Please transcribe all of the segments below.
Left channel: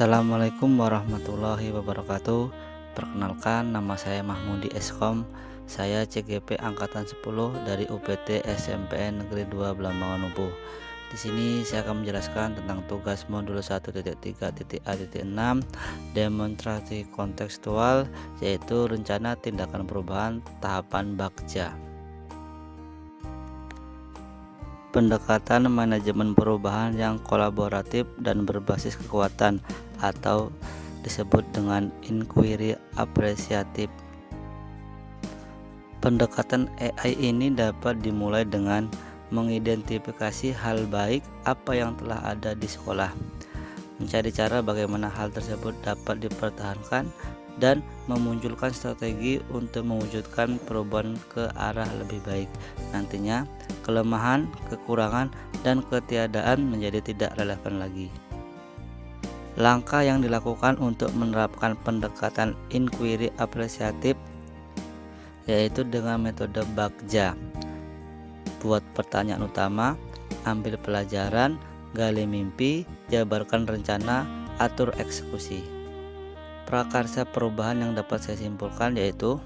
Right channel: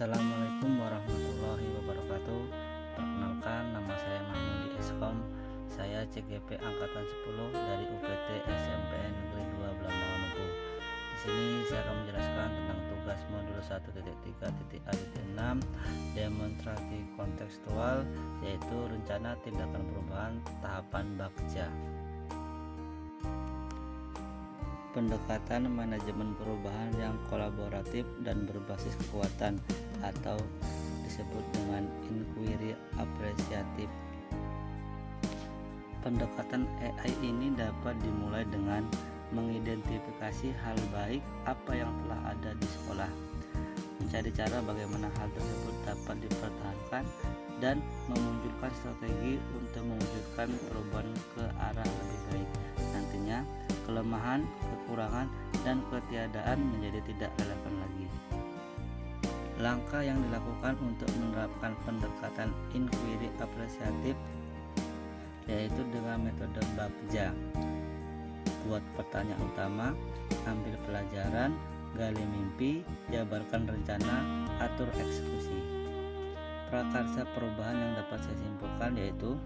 Assalamualaikum warahmatullahi wabarakatuh. Perkenalkan, nama saya Mahmudi Eskom. Saya CGP angkatan 10 dari UPT SMPN Negeri 2 Belambangan Lumpuh. Di sini saya akan menjelaskan tentang tugas modul 1.3.A.6 demonstrasi kontekstual, yaitu rencana tindakan perubahan tahapan Bagja. Pendekatan manajemen perubahan yang kolaboratif dan berbasis kekuatan atau disebut dengan inquiry apresiatif. Pendekatan AI ini dapat dimulai dengan mengidentifikasi hal baik apa yang telah ada di sekolah, mencari cara bagaimana hal tersebut dapat dipertahankan, dan memunculkan strategi untuk mewujudkan perubahan ke arah lebih baik. Nantinya kelemahan, kekurangan, dan ketiadaan menjadi tidak relevan lagi. Langkah yang dilakukan untuk menerapkan pendekatan inquiry apresiatif yaitu dengan metode Bagja. Buat pertanyaan utama, ambil pelajaran, gali mimpi, jabarkan rencana, atur eksekusi. Prakarsa perubahan yang dapat saya simpulkan yaitu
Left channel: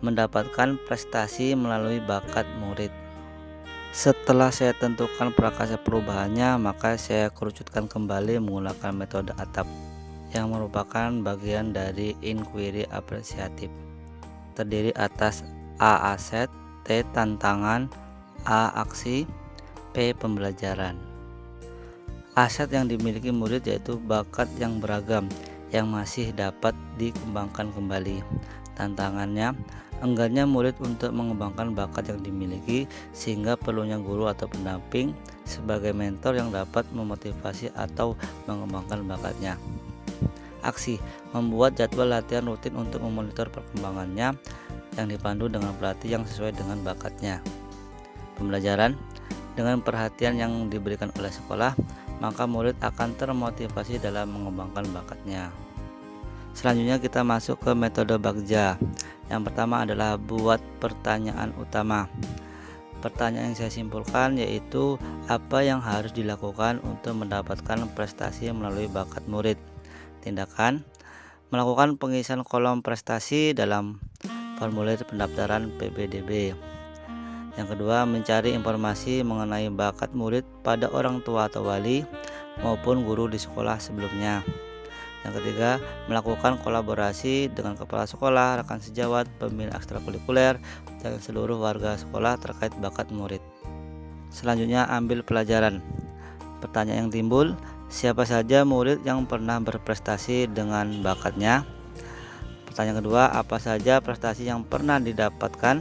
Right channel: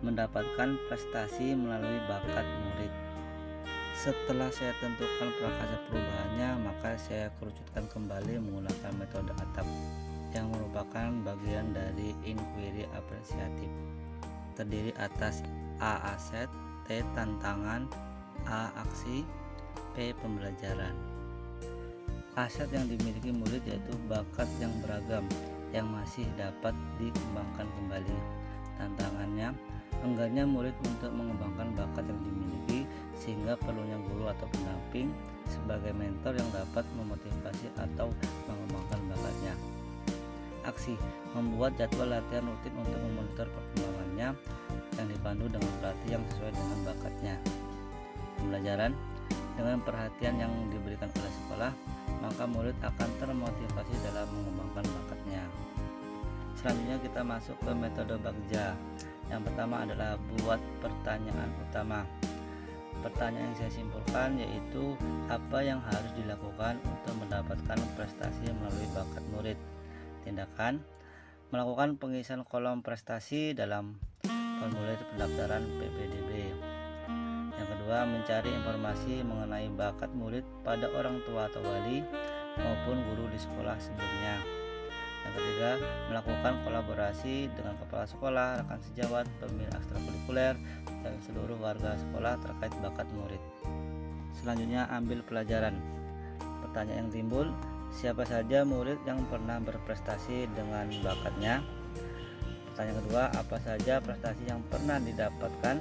mendapatkan prestasi melalui bakat murid. Setelah saya tentukan prakarsa perubahannya, maka saya kerucutkan kembali menggunakan metode ATAP yang merupakan bagian dari inquiry apresiatif. Terdiri atas A. Aset, T. Tantangan, A. Aksi, P. Pembelajaran. Aset yang dimiliki murid yaitu bakat yang beragam yang masih dapat dikembangkan kembali. Tantangannya, enggannya murid untuk mengembangkan bakat yang dimiliki, sehingga perlunya guru atau pendamping sebagai mentor yang dapat memotivasi atau mengembangkan bakatnya. Aksi, membuat jadwal latihan rutin untuk memonitor perkembangannya yang dipandu dengan pelatih yang sesuai dengan bakatnya. Pembelajaran, dengan perhatian yang diberikan oleh sekolah, maka murid akan termotivasi dalam mengembangkan bakatnya. Selanjutnya kita masuk ke metode Bagja. Yang pertama adalah buat pertanyaan utama. Pertanyaan yang saya simpulkan yaitu apa yang harus dilakukan untuk mendapatkan prestasi melalui bakat murid. Tindakan, melakukan pengisian kolom prestasi dalam formulir pendaftaran PPDB. Yang kedua, mencari informasi mengenai bakat murid pada orang tua atau wali maupun guru di sekolah sebelumnya. Yang ketiga, melakukan kolaborasi dengan kepala sekolah, rekan sejawat, pembina ekstrakurikuler, dan seluruh warga sekolah terkait bakat murid. Selanjutnya, ambil pelajaran. Pertanyaan yang timbul, siapa saja murid yang pernah berprestasi dengan bakatnya? Pertanyaan kedua, apa saja prestasi yang pernah didapatkan?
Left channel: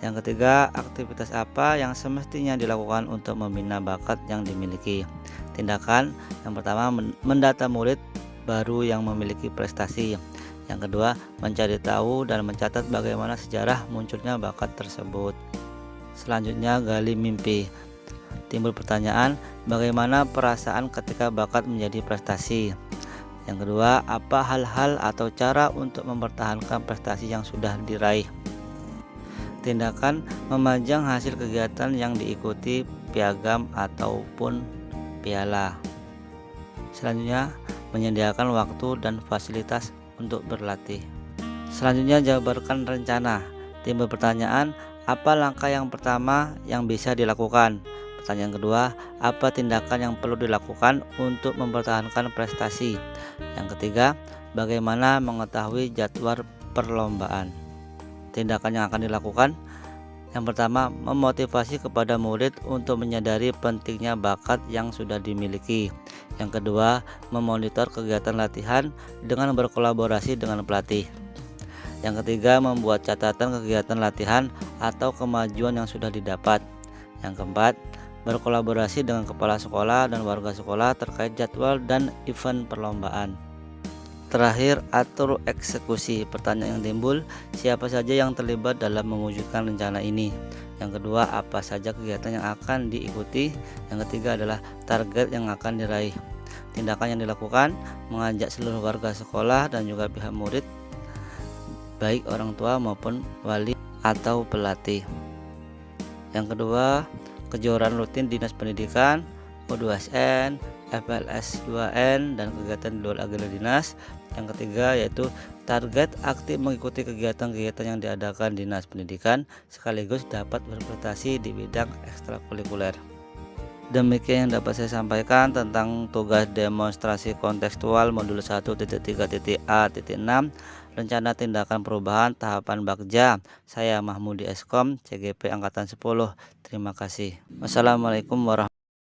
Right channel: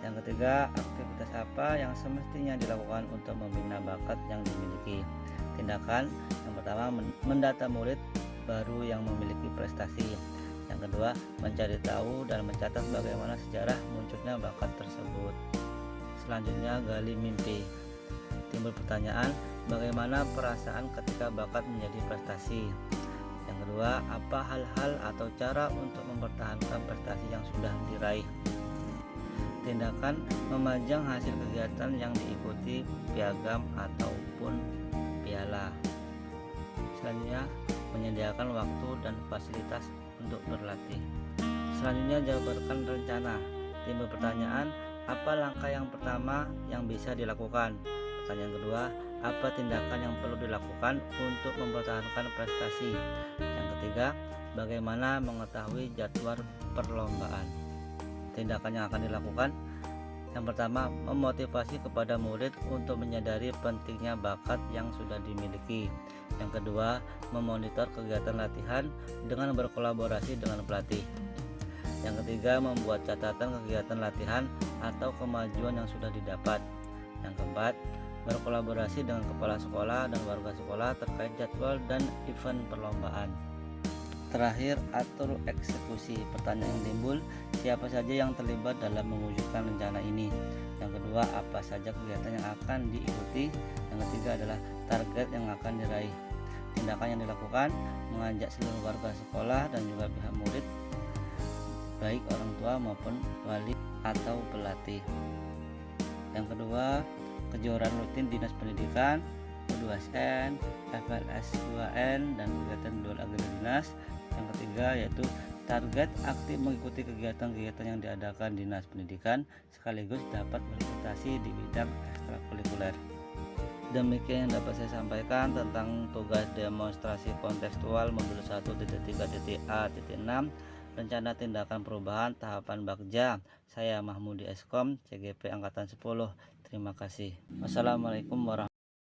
Yang ketiga, aktivitas apa yang semestinya dilakukan untuk membina bakat yang dimiliki? Tindakan, yang pertama mendata murid baru yang memiliki prestasi. Yang kedua, mencari tahu dan mencatat bagaimana sejarah munculnya bakat tersebut. Selanjutnya, gali mimpi. Timbul pertanyaan, bagaimana perasaan ketika bakat menjadi prestasi? Yang kedua, apa hal-hal atau cara untuk mempertahankan prestasi yang sudah diraih? Tindakan, memajang hasil kegiatan yang diikuti piagam ataupun piala. Selanjutnya, menyediakan waktu dan fasilitas untuk berlatih. Selanjutnya, jabarkan rencana. Timbul pertanyaan, apa langkah yang pertama yang bisa dilakukan? Pertanyaan kedua, apa tindakan yang perlu dilakukan untuk mempertahankan prestasi? Yang ketiga, bagaimana mengetahui jadwal perlombaan? Tindakan yang akan dilakukan, yang pertama, memotivasi kepada murid untuk menyadari pentingnya bakat yang sudah dimiliki. Yang kedua, memonitor kegiatan latihan dengan berkolaborasi dengan pelatih. Yang ketiga, membuat catatan kegiatan latihan atau kemajuan yang sudah didapat. Yang keempat, berkolaborasi dengan kepala sekolah dan warga sekolah terkait jadwal dan event perlombaan. Terakhir, atur eksekusi. Pertanyaan yang timbul, siapa saja yang terlibat dalam mewujudkan rencana ini? Yang kedua, apa saja kegiatan yang akan diikuti? Yang ketiga adalah target yang akan diraih. Tindakan yang dilakukan, mengajak seluruh warga sekolah dan juga pihak murid, baik orang tua maupun wali atau pelatih. Yang kedua, kejuaraan rutin Dinas Pendidikan, O2SN, FLS 2N dan kegiatan di luar agenda dinas. Yang ketiga yaitu target aktif mengikuti kegiatan-kegiatan yang diadakan Dinas Pendidikan sekaligus dapat berprestasi di bidang ekstrakurikuler. Demikian yang dapat saya sampaikan tentang tugas demonstrasi kontekstual modul 1.3.A.6 rencana tindakan perubahan tahapan Bagja. Saya Mahmudi Eskom, CGP angkatan 10. Terima kasih. Wassalamualaikum warahmatullahi